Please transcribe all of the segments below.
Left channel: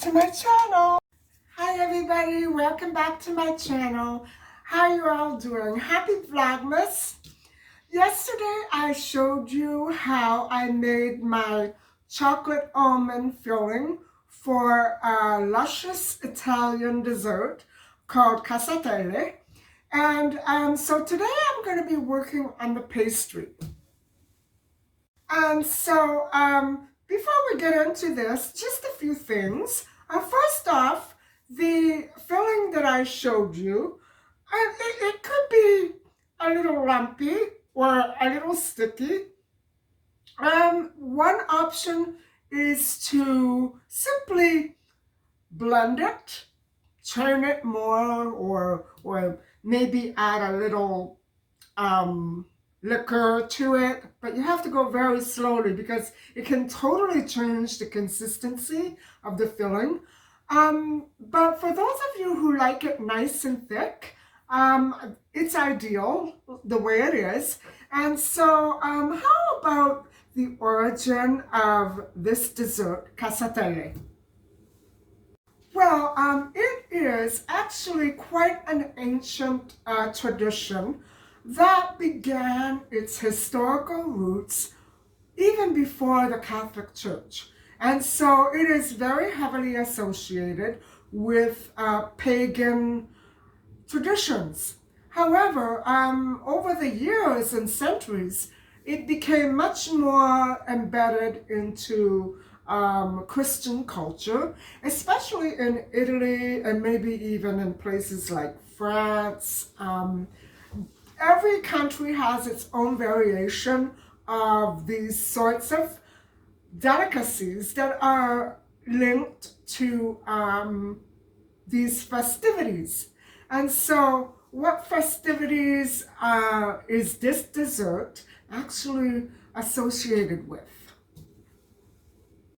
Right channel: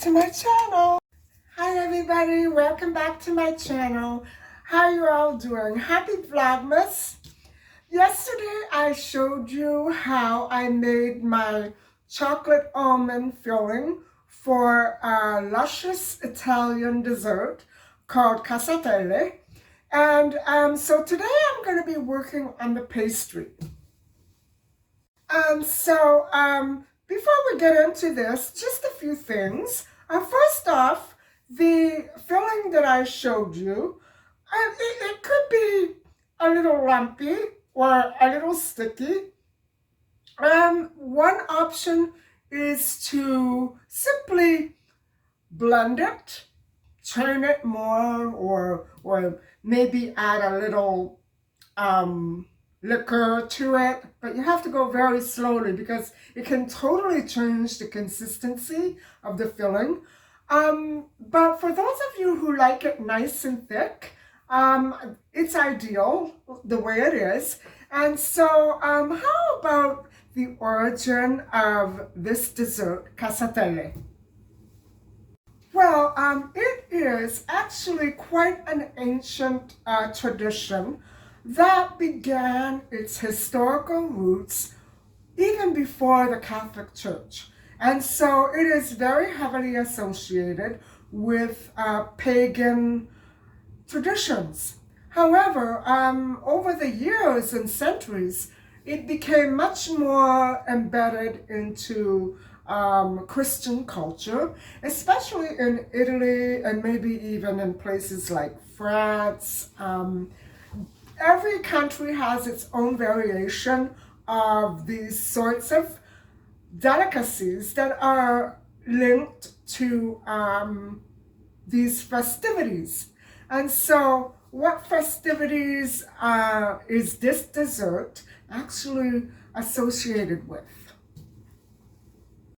to my channel. Hi everybody, welcome back to my channel. How are you all doing? Happy Vlogmas. Yesterday I showed you how I made my chocolate almond filling for a luscious Italian dessert called Cassatelle. And so today I'm going to be working on the pastry. Before we get into this, just a few things. First off, the filling that I showed you, it could be a little lumpy or a little sticky. One option is to simply blend it, churn it more, or maybe add a little liquor to it, but you have to go very slowly because it can totally change the consistency of the filling. But for those of you who like it nice and thick, it's ideal the way it is. And so how about the origin of this dessert, Cassatelle? Well, it is actually quite an ancient tradition that began its historical roots even before the Catholic Church. And so it is very heavily associated with pagan traditions. However, over the years and centuries, it became much more embedded into Christian culture, especially in Italy and maybe even in places like France. Every country has its own variation of these sorts of delicacies that are linked to these festivities. And so what festivities is this dessert actually associated with?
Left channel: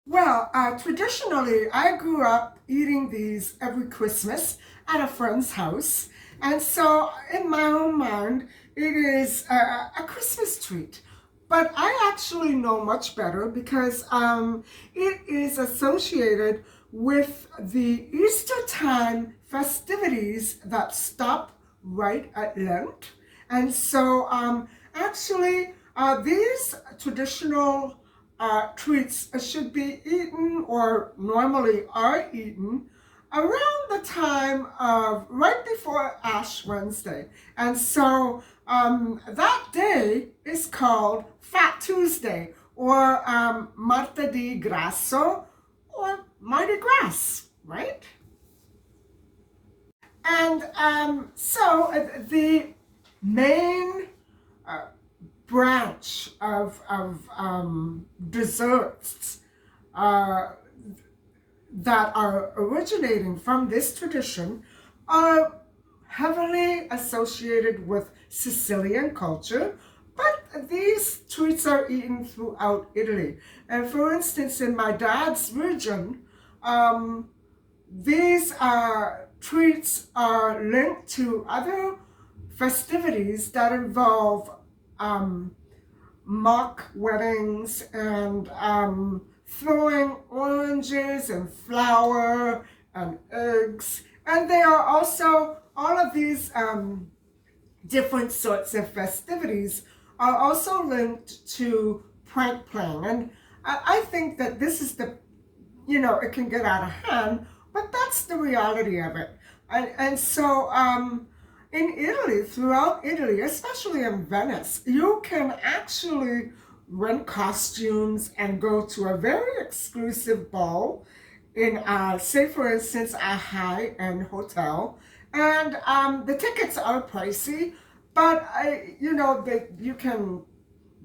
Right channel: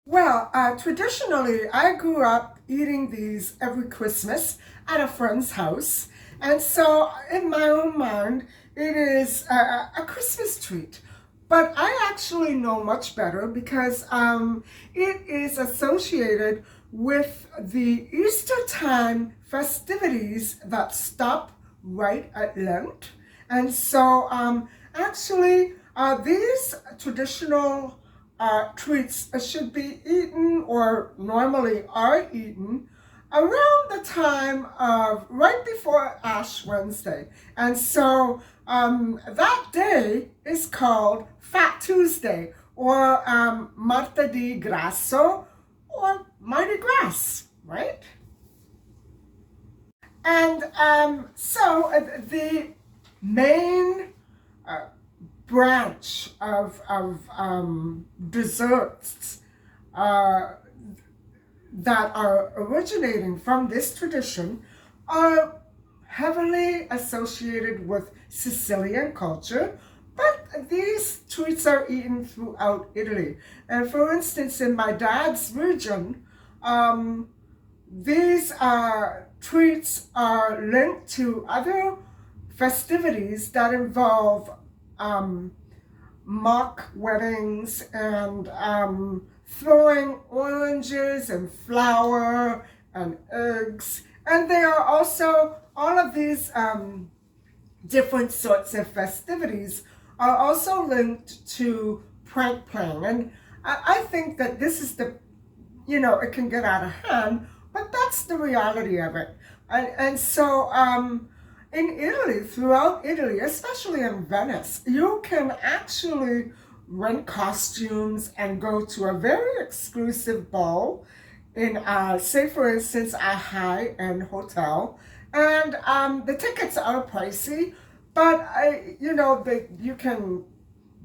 Well, traditionally, I grew up eating these every Christmas at a friend's house. And so in my own mind, it is a Christmas treat. But I actually know much better because it is associated with the Easter time festivities that stop right at Lent. And so actually these traditional treats should be eaten, or normally are eaten, around the time of right before Ash Wednesday. And so that day is called Fat Tuesday, or Martedì Grasso, or Mardi Gras, right? And so the main branch of desserts that are originating from this tradition are heavily associated with Sicilian culture, but these treats are eaten throughout Italy. And for instance, in my dad's region, these treats are linked to other festivities that involve mock weddings and throwing oranges and flour and eggs. And they are also, all of these different sorts of festivities are also linked to prank playing. And I think that this is the, it can get out of hand, but that's the reality of it. And so in Italy, throughout Italy, especially in Venice, you can actually rent costumes and go to a very exclusive ball in, say for instance, a high-end hotel. And the tickets are pricey, but you can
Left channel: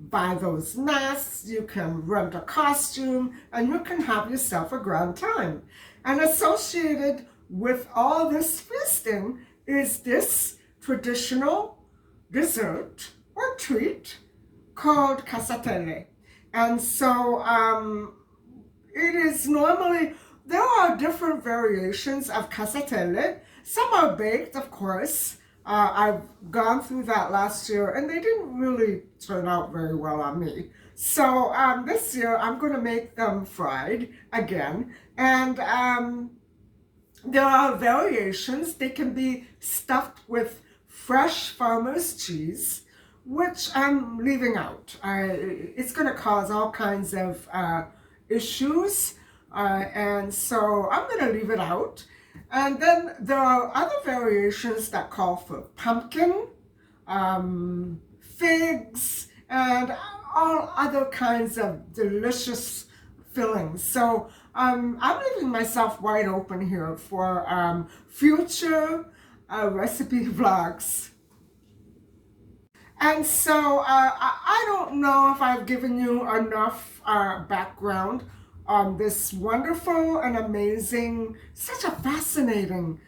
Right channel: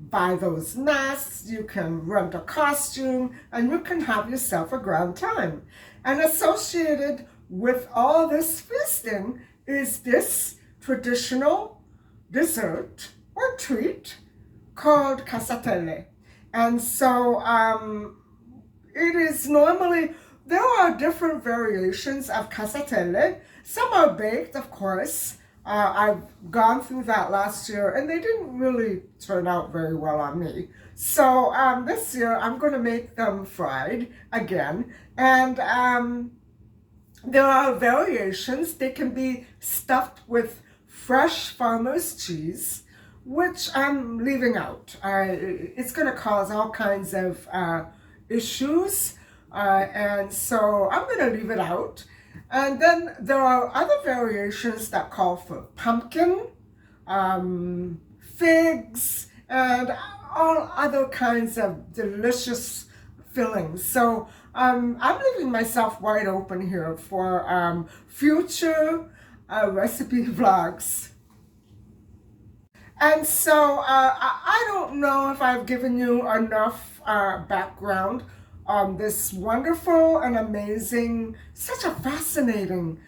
buy those masks, you can rent a costume, and you can have yourself a grand time. And associated with all this feasting is this traditional dessert or treat called Cassatelle. And so it is normally, there are different variations of Cassatelle. Some are baked, of course. I've gone through that last year and they didn't really turn out very well on me. So this year I'm going to make them fried again. And there are variations. They can be stuffed with fresh farmer's cheese, which I'm leaving out. It's going to cause all kinds of issues. And so I'm going to leave it out. And then there are other variations that call for pumpkin, figs, and all other kinds of delicious fillings. So I'm leaving myself wide open here for future recipe vlogs. And so I don't know if I've given you enough background on this wonderful and amazing, such a fascinating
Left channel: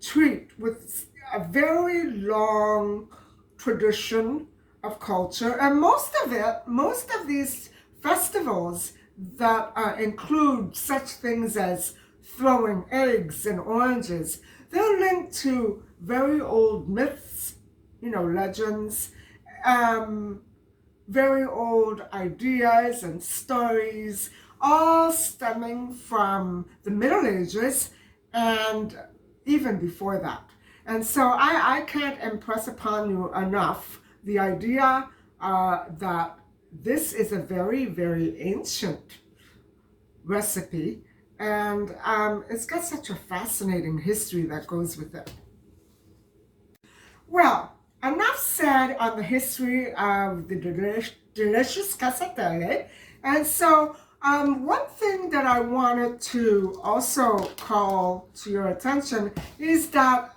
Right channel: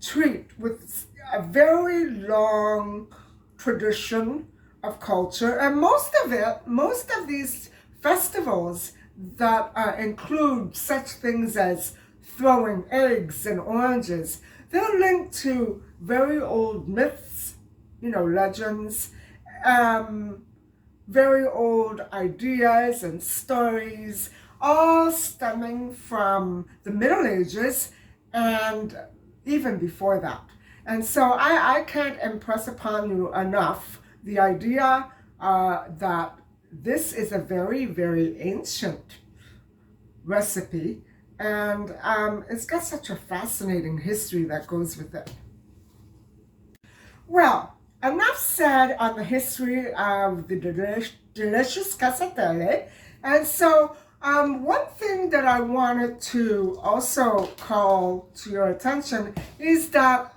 treat with a very long tradition of culture. And most of these festivals that include such things as throwing eggs and oranges, they're linked to very old myths, legends, very old ideas and stories, all stemming from the Middle Ages and even before that. And so I can't impress upon you enough the idea that this is a very, very ancient recipe, and it's got such a fascinating history that goes with it. Well, enough said on the history of the delicious Cassatelle. And so one thing that I wanted to also call to your attention is that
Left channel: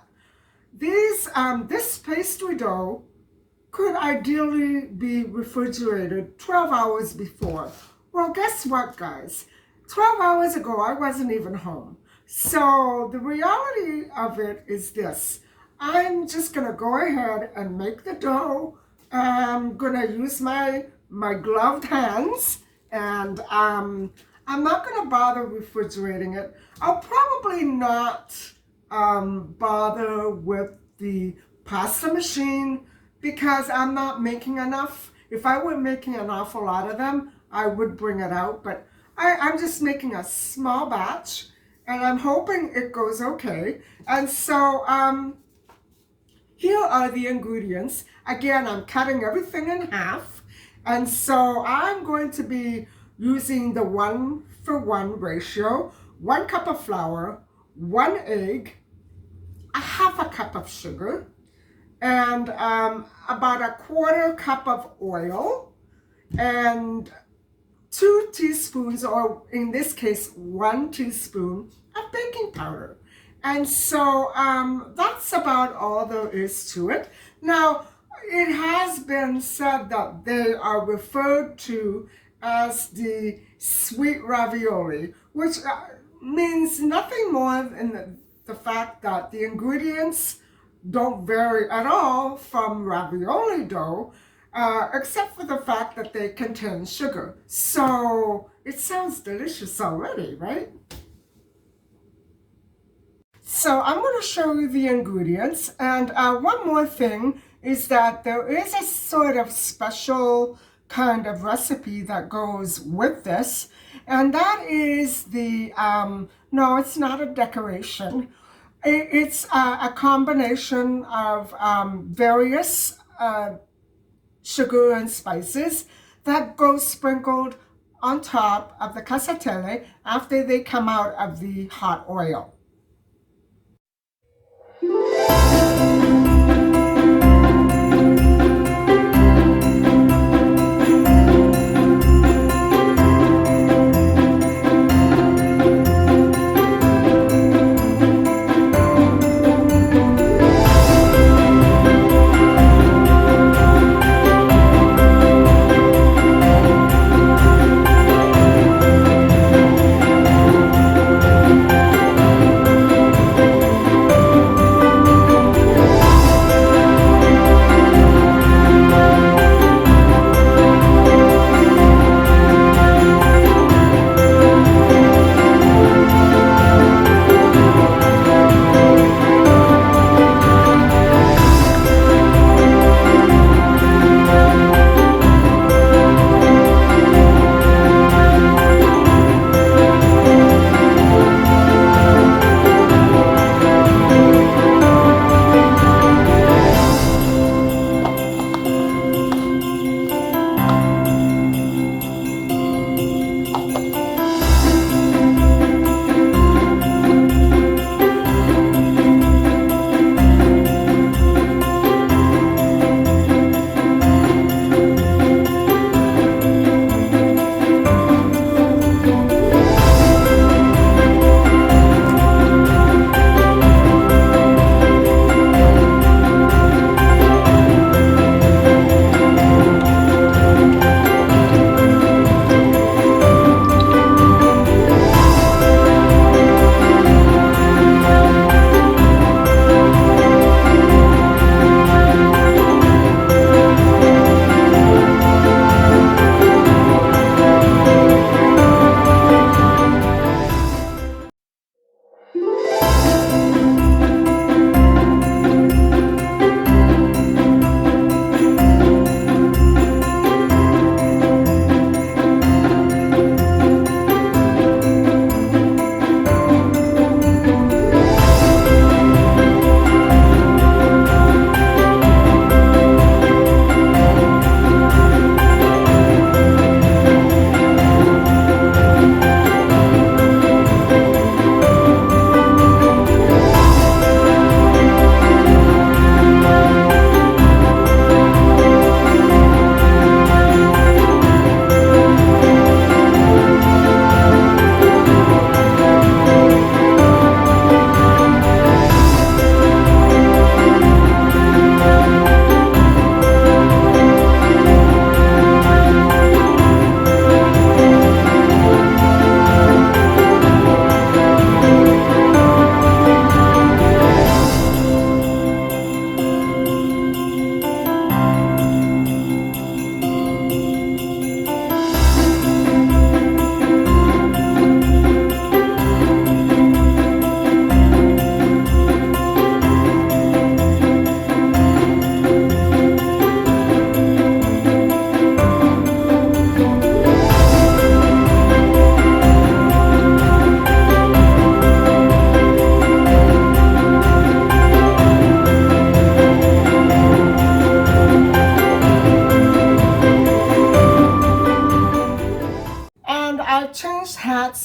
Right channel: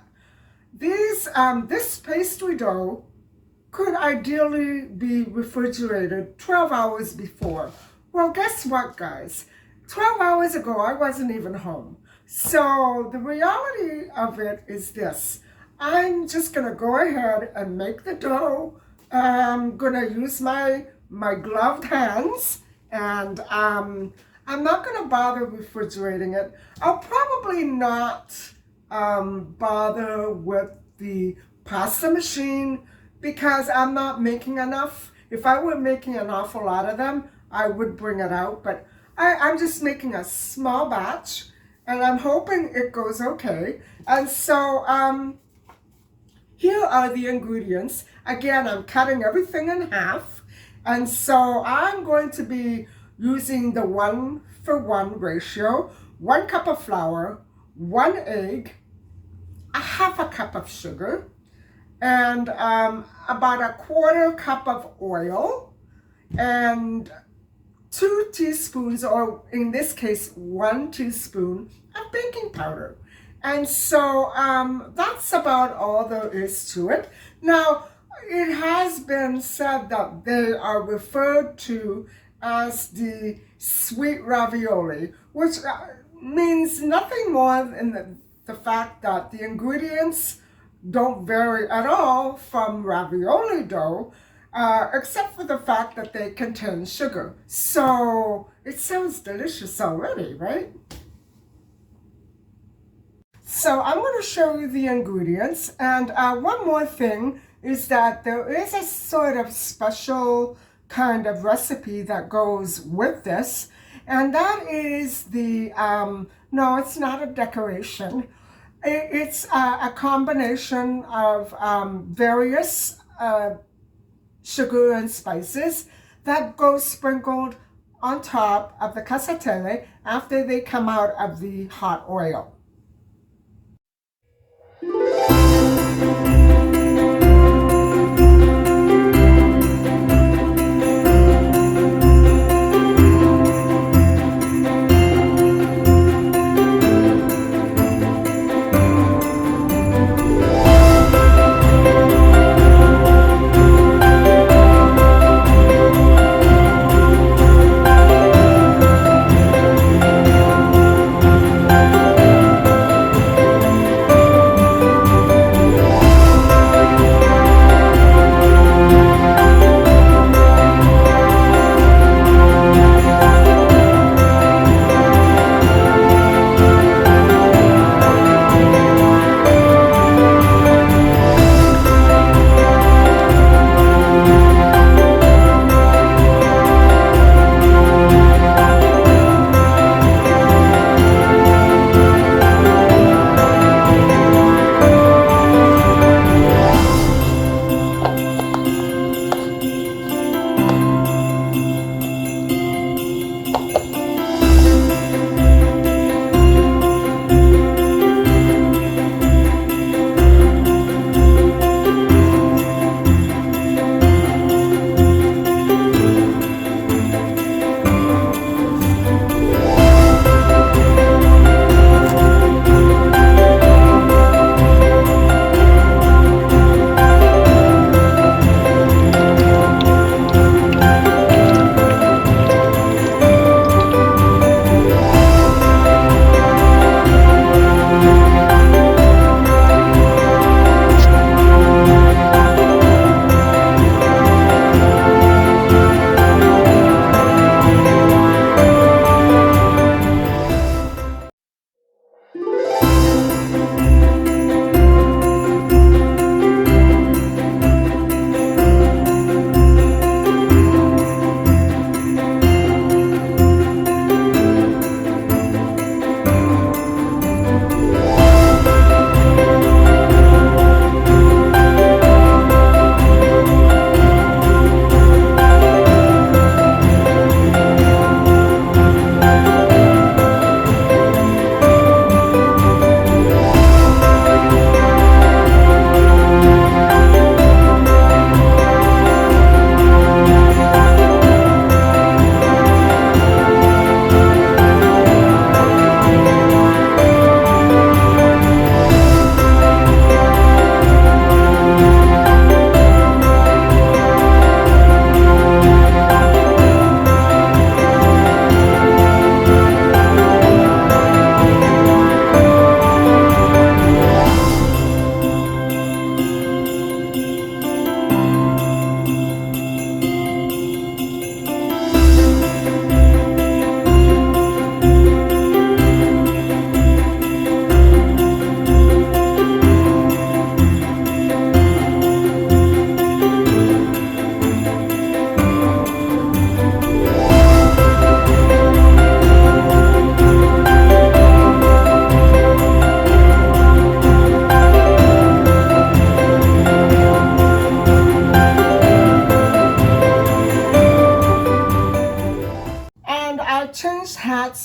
this pastry dough could ideally be refrigerated 12 hours before. Well, guess what, guys? 12 hours ago, I wasn't even home. So the reality of it is this. I'm just going to go ahead and make the dough. I'm going to use my gloved hands, and I'm not going to bother refrigerating it. I'll probably not bother with the pasta machine because I'm not making enough. If I were making an awful lot of them, I would bring it out, but I'm just making a small batch, and I'm hoping it goes okay. And so here are the ingredients. Again, I'm cutting everything in half, and so I'm going to be using the 1-for-1 ratio. 1 cup of flour, 1 egg, a half a cup of sugar, and about a 1/4 cup of oil, and 2 teaspoons, or in this case, 1 teaspoon of baking powder. And so that's about all there is to it. Now, it has been said that they are referred to as the sweet ravioli, which means nothing more than the fact that the ingredients don't vary at all from ravioli dough, except for the fact that they contain sugar. So it sounds delicious already, right? So I'm going to show you the ingredients, and one more thing is that there is a sort of special kind of recipe that goes with this, and that is the, no, it's not a decoration. It's a combination of various sugar and spices that go sprinkled on top of the cassatelle after they come out of the hot oil.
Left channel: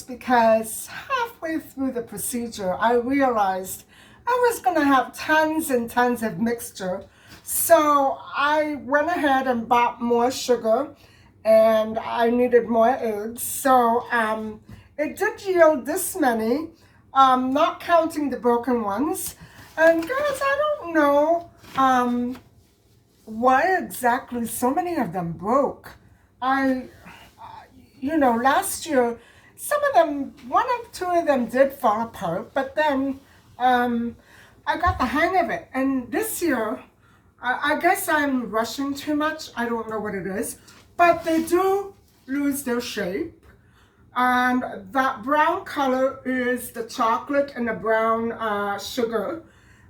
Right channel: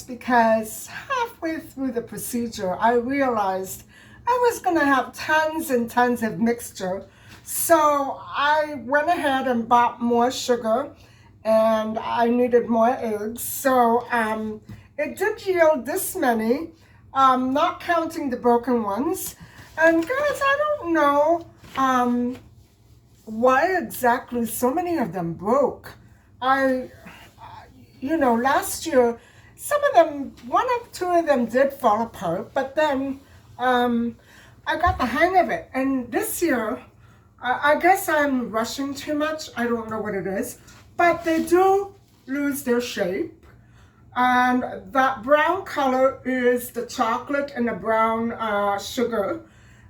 because halfway through the procedure, I realized I was going to have tons and tons of mixture. So I went ahead and bought more sugar, and I needed more eggs. So it did yield this many, not counting the broken ones. And guys, I don't know why exactly so many of them broke. Last year, some of them, one or two of them did fall apart, but then I got the hang of it. And this year, I guess I'm rushing too much. I don't know what it is, but they do lose their shape. And that brown color is the chocolate and the brown sugar.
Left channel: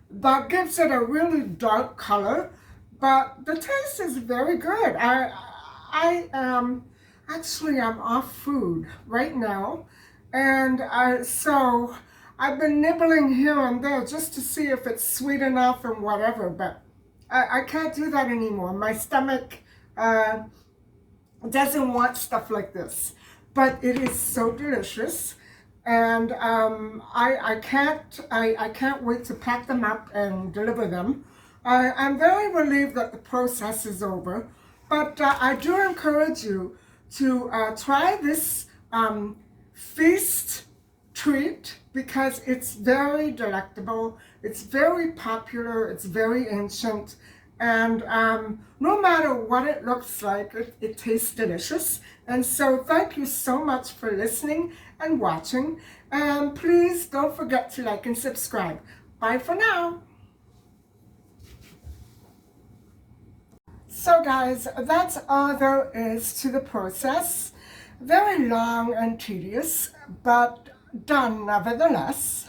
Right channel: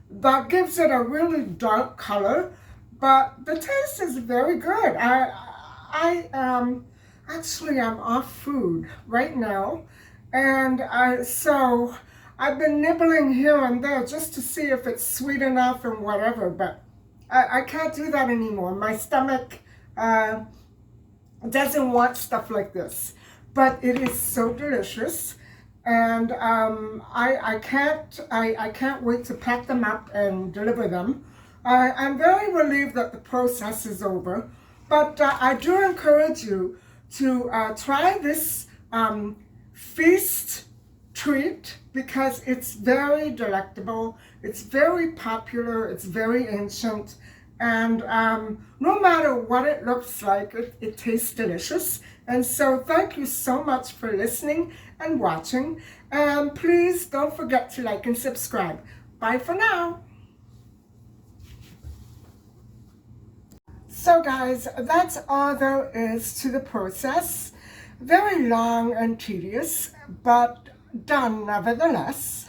That gives it a really dark color, but the taste is very good. Actually, I'm off food right now, and so I've been nibbling here and there just to see if it's sweet enough and whatever, but I can't do that anymore. My stomach doesn't want stuff like this, but it is so delicious, and I can't wait to pack them up and deliver them. I'm very relieved that the process is over, but I do encourage you to try this feast treat because it's very delectable, it's very popular, it's very ancient, and no matter what it looks like, it tastes delicious. And so thank you so much for listening and watching, and please don't forget to like and subscribe. Bye for now. So guys, that's all there is to the process. Very long and tedious, but done nevertheless.